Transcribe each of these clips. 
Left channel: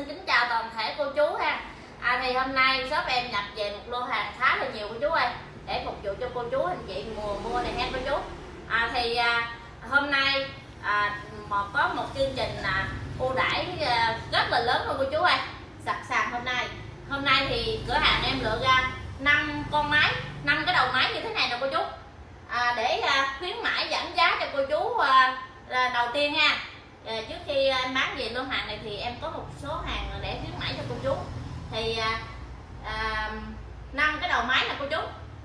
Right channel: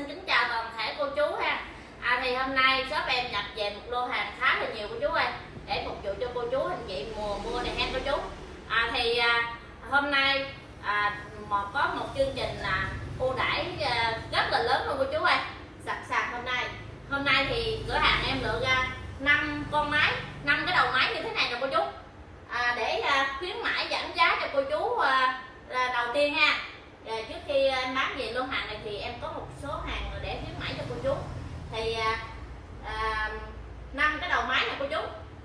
xin kính chào toàn thể cô chú ha. Thì hôm nay shop em nhập về một lô hàng khá là nhiều cô chú ơi, để phục vụ cho cô chú anh chị mùa mua này ha cô chú. Hôm nay có một chương trình ưu đãi rất là lớn luôn cô chú ơi, sập sàn hôm nay thì cửa hàng em lựa ra 5 con máy, 5 cái đầu máy như thế này nè cô chú, để khuyến mãi giảm giá cho cô chú. Đầu tiên ha, trước khi em bán về lô hàng này thì em có một số hàng để khuyến mãi cho cô chú. Thì 5 cái đầu máy nè cô chú,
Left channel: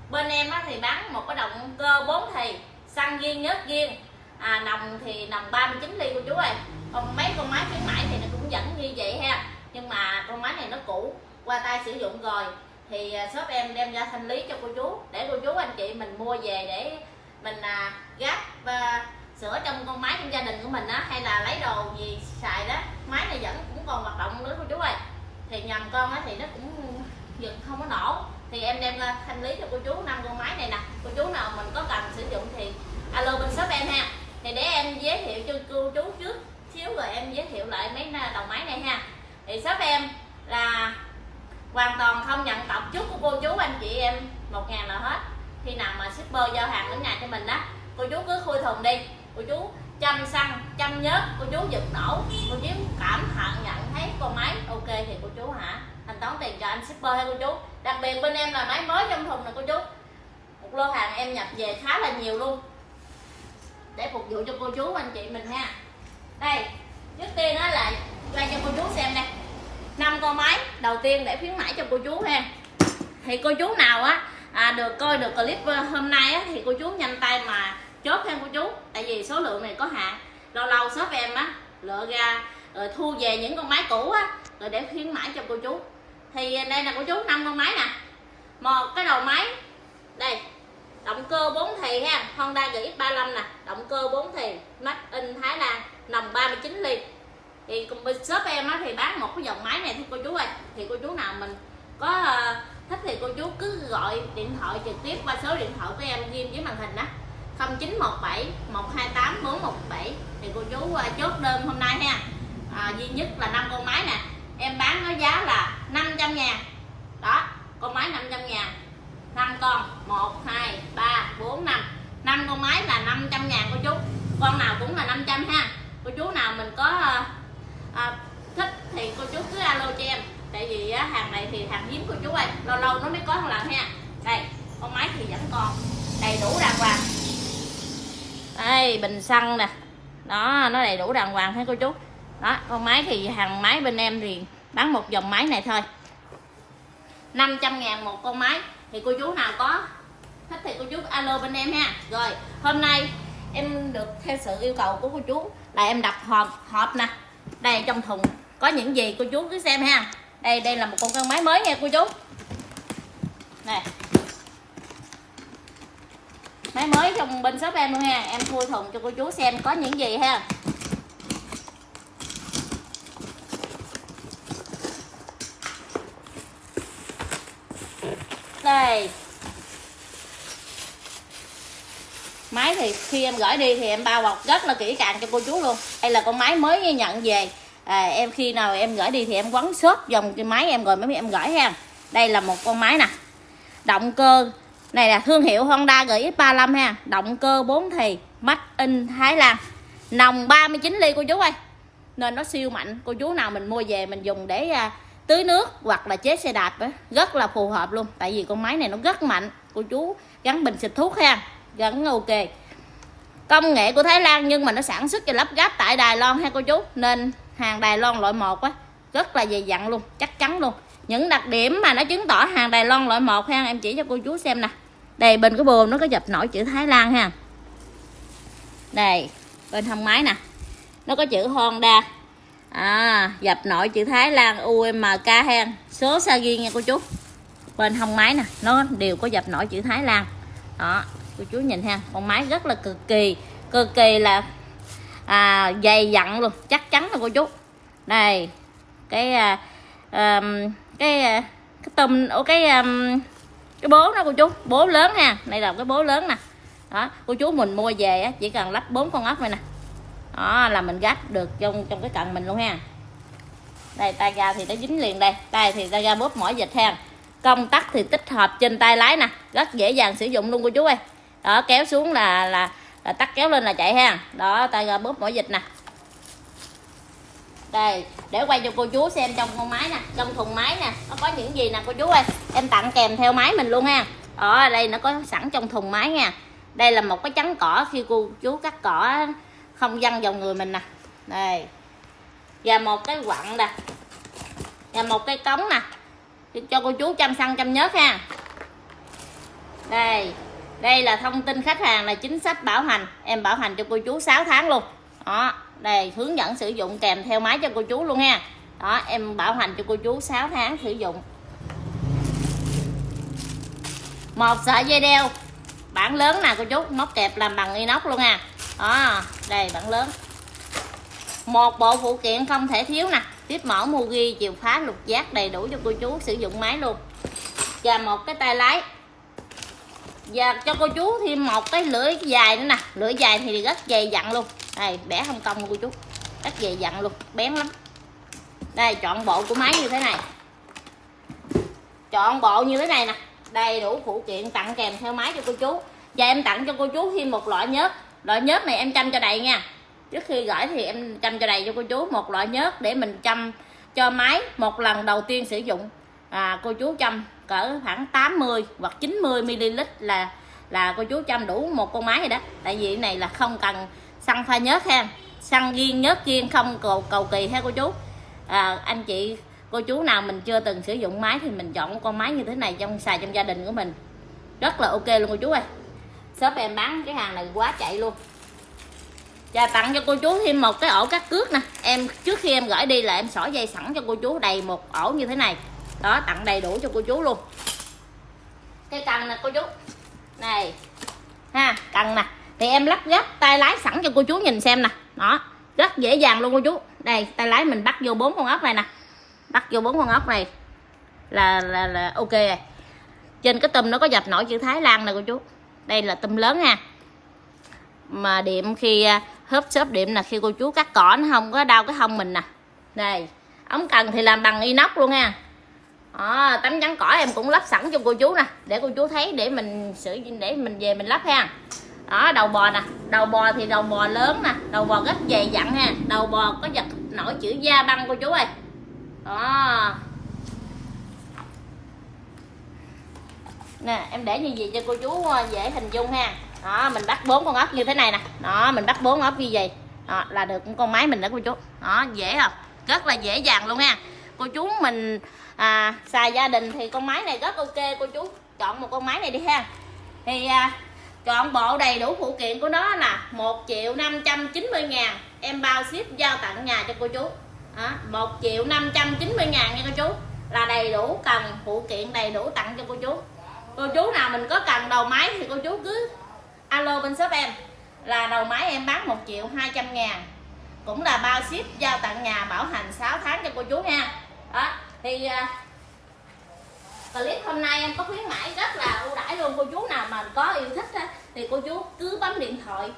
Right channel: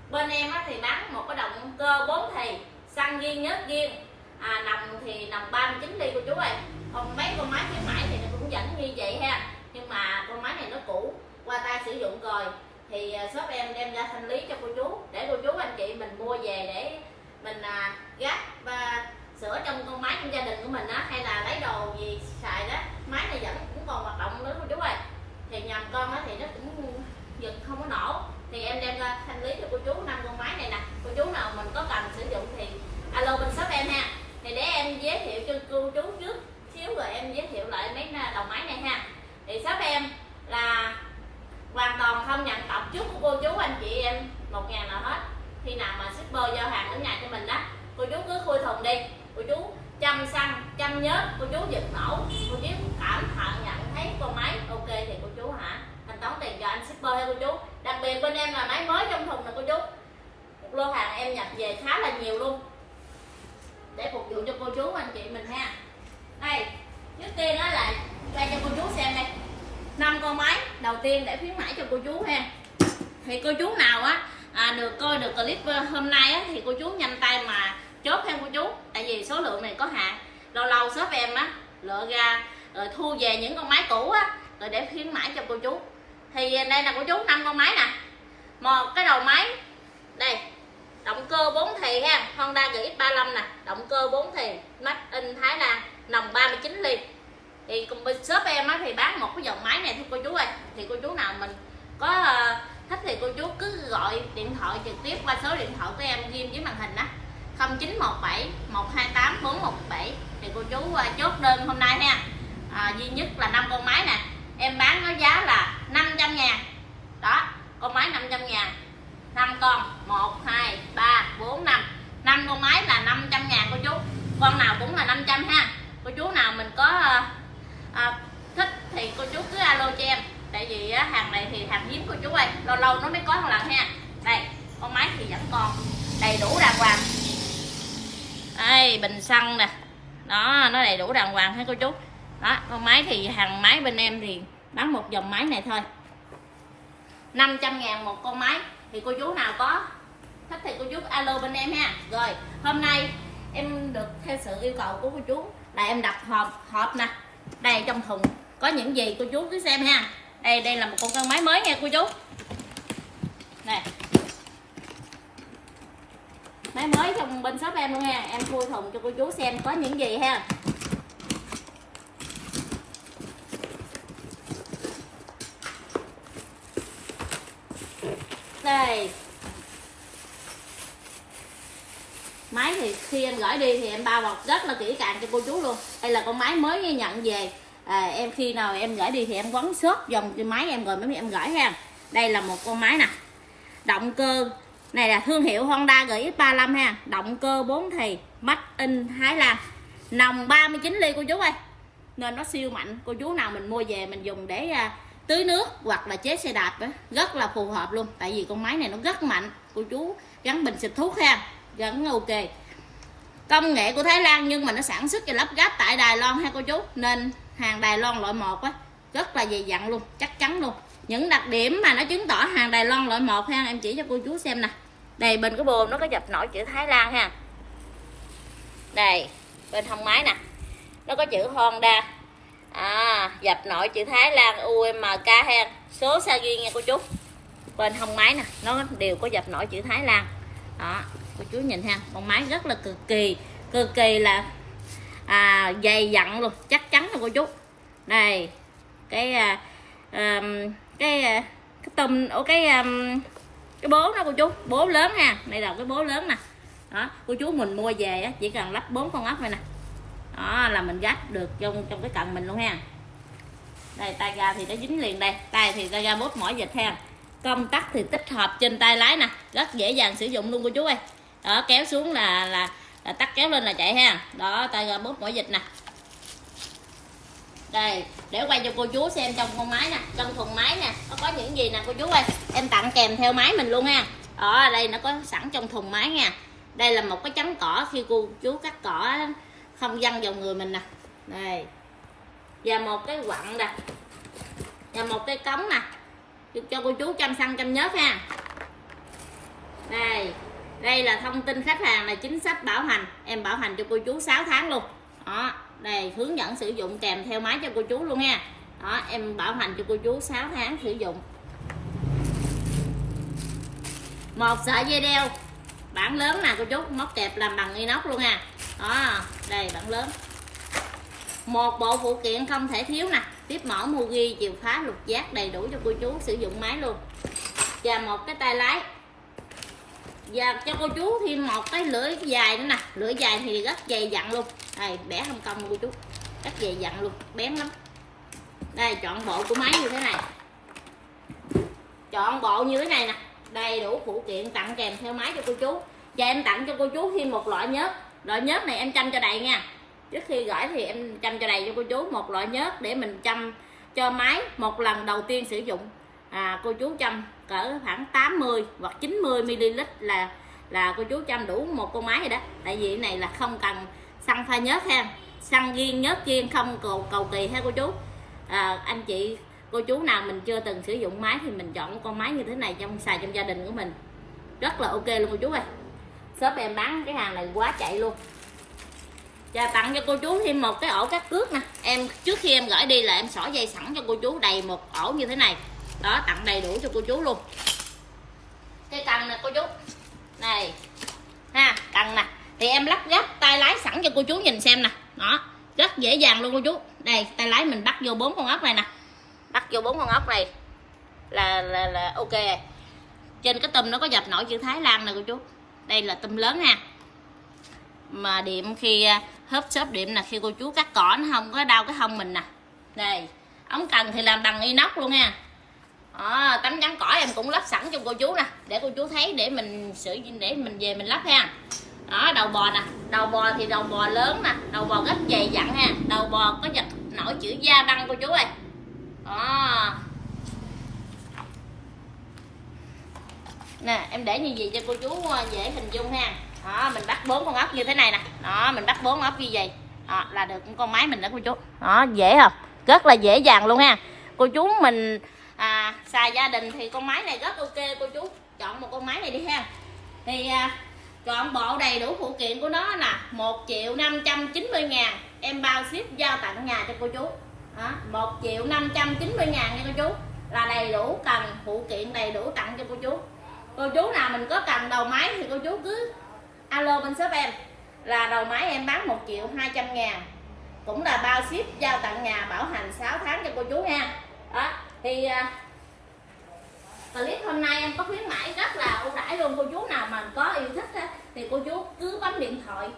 bên em thì bán một cái động cơ 4 thì xăng riêng nhớt riêng, nòng thì nòng 39 ly cô chú ơi. Còn mấy con máy khuyến mãi thì nó cũng vẫn như vậy ha, nhưng mà con máy này nó cũ, qua tay sử dụng rồi thì shop em đem ra thanh lý cho cô chú, để cô chú anh chị mình mua về để mình gắp và sửa trong con máy trong gia đình của mình á, hay là lấy đồ gì xài đó. Máy này vẫn cũng còn hoạt động nữa cô chú ơi. Thì nhầm con á thì nó cũng giật không có nổ, thì em đem ra thanh lý cho cô chú 5 con máy này nè. Cô chú nào mình có cần sử dụng thì alo bên shop em ha. Thì để em giới thiệu cho cô chú trước xíu rồi em giới thiệu lại mấy đầu máy này ha. Thì shop em là hoàn toàn không nhận cọc trước của cô chú anh chị em 1.000 nào hết. Khi nào mà shipper giao hàng đến nhà cho mình đó, cô chú cứ khui thùng đi, cô chú chăm xăng chăm nhớt, cô chú giật nổ, cô chú cảm nhận thấy con máy ok thì cô chú thanh toán tiền cho anh shipper hay cô chú. Đặc biệt bên em là máy mới trong thùng nè cô chú, một lô hàng em nhập về khá là nhiều luôn để phục vụ cho cô chú anh chị mình ha. Đây, trước tiên đó là quay cho cô chú xem đây, 5 con máy đầu tiên để khuyến mãi cho cô chú ha. Thì cô chú nào được coi được clip hôm nay thì cô chú nhanh tay mà chốt theo cô chú, tại vì số lượng này có hạn. Lâu lâu shop em lựa ra rồi thu về những con máy cũ rồi để khuyến mãi cho cô chú. Thì đây là cô chú 5 con máy nè. Một cái đầu máy đây, động cơ 4 thì ha, Honda GX35 nè, động cơ 4 thì made in Thái Lan, nòng 39 ly. Thì cùng bên shop em thì bán một cái dòng máy này thôi cô chú ơi. Thì cô chú nào mình có thích thì cô chú cứ gọi điện thoại trực tiếp qua số điện thoại của em ghim dưới màn hình 0917 128 417 thì cô chú chốt đơn hôm nay ha. Duy nhất là 5 con máy nè, em bán nó giá là 500.000 đó, con máy 500.000, 5 con 1 2 3 4 5 5 con máy là 500.000 cô chú, con nào cũng là 500 ha. Cô chú nào mình có thích thì cô chú cứ alo cho em, tại vì hàng này thì hàng hiếm cô chú ơi, lâu lâu nó mới có một lần ha. Đây, con máy thì vẫn còn đầy đủ đàng hoàng. Đây, bình xăng nè, đó, nó đầy đủ đàng hoàng hết cô chú. Đó, con máy thì hàng máy bên em thì bán một dòng máy này thôi, 500.000 một con máy. Thì cô chú nào có thích thì cô chú alo bên em ha. Rồi hôm nay em được theo sự yêu cầu của cô chú là em đặt hộp nè. Đây trong thùng có những gì cô chú cứ xem ha. Đây là một con máy mới nha cô chú. Nè, máy mới trong bên shop em luôn nha. Em khui thùng cho cô chú xem có những gì ha. Đây, máy thì khi em gửi đi thì em bao bọc rất là kỹ càng cho cô chú luôn. Đây là con máy mới nhận về, em khi nào em gửi đi thì em quấn xốp dòng cái máy em rồi mới em gửi ha. Đây là một con máy nè, động cơ này là thương hiệu Honda GX35 ha, động cơ 4 thì made in Thái Lan, nòng 39 ly cô chú ơi, nên nó siêu mạnh. Cô chú nào mình mua về mình dùng để tưới nước hoặc là chế xe đạp rất là phù hợp luôn, tại vì con máy này nó rất mạnh. Cô chú gắn bình xịt thuốc ha, vẫn ok. Công nghệ của Thái Lan nhưng mà nó sản xuất và lắp ráp tại Đài Loan ha cô chú, nên hàng Đài Loan loại 1 rất là dày dặn luôn, chắc chắn luôn. Những đặc điểm mà nó chứng tỏ hàng Đài Loan loại 1 ha, em chỉ cho cô chú xem nè. Đây bên cái bồn nó có dập nổi chữ Thái Lan ha. Đây bên thân máy nè, nó có chữ Honda, dập nổi chữ Thái Lan UMK ha, số series nha cô chú. Bên hông máy nè, nó đều có dập nổi chữ Thái Lan đó, cô chú nhìn ha. Con máy rất là cực kỳ là dày dặn luôn, chắc chắn là cô chú. Đây cái bố đó cô chú, bố lớn ha. Đây là cái bố lớn nè đó, cô chú mình mua về chỉ cần lắp 4 con ốc này nè, đó là mình gắp được trong cái cần mình luôn ha. Đây tay ga thì nó dính liền đây, tay thì tay ga bóp mỏi vịt ha. Công tắc thì tích hợp trên tay lái nè, rất dễ dàng sử dụng luôn cô chú ơi. Đó, kéo xuống là tắt, kéo lên là chạy ha. Đó, tay ga bóp mỏi vịt nè. Đây, để quay cho cô chú xem trong con máy nè, trong thùng máy nè, nó có những gì nè cô chú ơi. Em tặng kèm theo máy mình luôn ha. Đó, đây nó có sẵn trong thùng máy nha. Đây là một cái chắn cỏ khi cô chú cắt cỏ không văng vào người mình nè. Đây. Và một cái quặng nè. Và một cái cống nè. Cho cô chú chăm xăng chăm nhớt ha. Đây. Đây là thông tin khách hàng, là chính sách bảo hành. Em bảo hành cho cô chú 6 tháng luôn. Đó, đây hướng dẫn sử dụng kèm theo máy cho cô chú luôn ha. Đó, em bảo hành cho cô chú 6 tháng sử dụng. Một sợi dây đeo bản lớn nè cô chú, móc kẹp làm bằng inox luôn ha. Đó, đây bản lớn. Một bộ phụ kiện không thể thiếu nè, tiếp mỏ Mugi, chìa khóa, lục giác đầy đủ cho cô chú sử dụng máy luôn. Và một cái tay lái. Và cho cô chú thêm một cái lưỡi dài nữa nè, lưỡi dài thì rất dày dặn luôn. Đây, bẻ không công cô chú, rất dày dặn luôn, bén lắm. Đây, chọn bộ của máy như thế này, chọn bộ như thế này nè, đầy đủ phụ kiện tặng kèm theo máy cho cô chú. Và em tặng cho cô chú thêm một loại nhớt. Loại nhớt này em chăm cho đầy nha. Trước khi gửi thì em chăm cho đầy cho cô chú một loại nhớt để mình chăm cho máy một lần đầu tiên sử dụng. Cô chú chăm cỡ khoảng 80 hoặc 90 ml là cô chú chăm đủ một con máy rồi đó. Tại vì cái này là không cần xăng pha nhớt ha, xăng riêng nhớt riêng, không cầu kỳ ha cô chú. Anh chị cô chú nào mình chưa từng sử dụng máy thì mình chọn một con máy như thế này xài trong gia đình của mình rất là ok luôn cô chú ơi. Shop em bán cái hàng này quá chạy luôn. Và tặng cho cô chú thêm một cái ổ cắt cước nè. Em trước khi em gửi đi là em xỏ dây sẵn cho cô chú đầy một ổ như thế này. Đó, tặng đầy đủ cho cô chú luôn. Cái cần nè cô chú. Này ha, cần nè. Thì em lắp ráp tay lái sẵn cho cô chú nhìn xem nè. Đó, rất dễ dàng luôn cô chú. Đây, tay lái mình bắt vô 4 con ốc này nè. Bắt vô 4 con ốc này là ok rồi. Trên cái tùm nó có dập nổi chữ Thái Lan nè cô chú. Đây là tùm lớn ha. Mà điểm khi hớp xốp điểm là khi cô chú cắt cỏ nó không có đau cái hông mình nè. Đây, ống cần thì làm bằng inox luôn nha. Tấm chắn cỏ em cũng lắp sẵn cho cô chú nè, để cô chú thấy để mình để mình về mình lắp ha. Đó, đầu bò nè, đầu bò thì đầu bò lớn nè, đầu bò rất dày dặn ha, đầu bò có dập nổi chữ da băng cô chú ơi. Đó. Nè, em để như vậy cho cô chú dễ hình dung ha. Đó, mình bắt 4 con ốc như thế này nè. Đó, mình bắt 4 ốc như vậy. Đó, là được con máy mình đó cô chú. Đó, dễ không? Rất là dễ dàng luôn ha. Cô chú mình xài gia đình thì con máy này rất ok cô chú. Chọn một con máy này đi ha. Thì chọn bộ đầy đủ phụ kiện của nó là 1.590.000. Em bao ship giao tận nhà cho cô chú. Đó, 1.590.000 nha cô chú. Là đầy đủ cần phụ kiện đầy đủ tặng cho cô chú. Cô chú nào mình có cần đầu máy thì cô chú cứ alo bên shop em, là đầu máy em bán 1.200.000, cũng là bao ship giao tận nhà, bảo hành 6 tháng cho cô chú nha. Đó thì clip hôm nay em có khuyến mãi rất là ưu đãi luôn. Cô chú nào mà có yêu thích thì cô chú cứ bấm điện thoại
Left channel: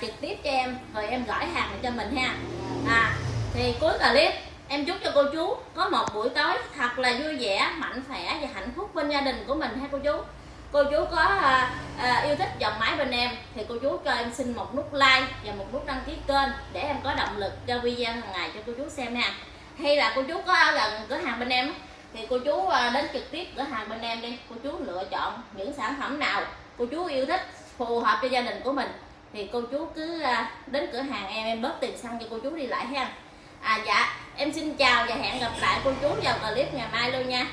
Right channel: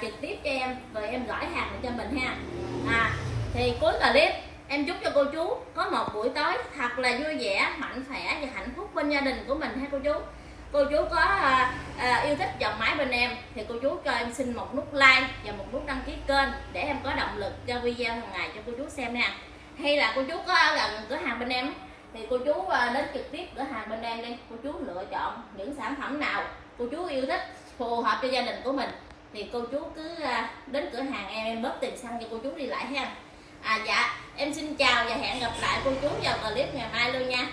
trực tiếp cho em, rồi em gửi hàng cho mình ha. Thì cuối clip em chúc cho cô chú có một buổi tối thật là vui vẻ, mạnh khỏe và hạnh phúc bên gia đình của mình ha cô chú. Cô chú có yêu thích dòng máy bên em thì cô chú cho em xin một nút like và một nút đăng ký kênh để em có động lực cho video hàng ngày cho cô chú xem ha. Hay là cô chú có ở gần cửa hàng bên em thì cô chú đến trực tiếp cửa hàng bên em đi, cô chú lựa chọn những sản phẩm nào cô chú yêu thích phù hợp cho gia đình của mình thì cô chú cứ đến cửa hàng em bớt tiền xăng cho cô chú đi lại ha. Dạ em xin chào và hẹn gặp lại cô chú vào clip ngày mai luôn nha.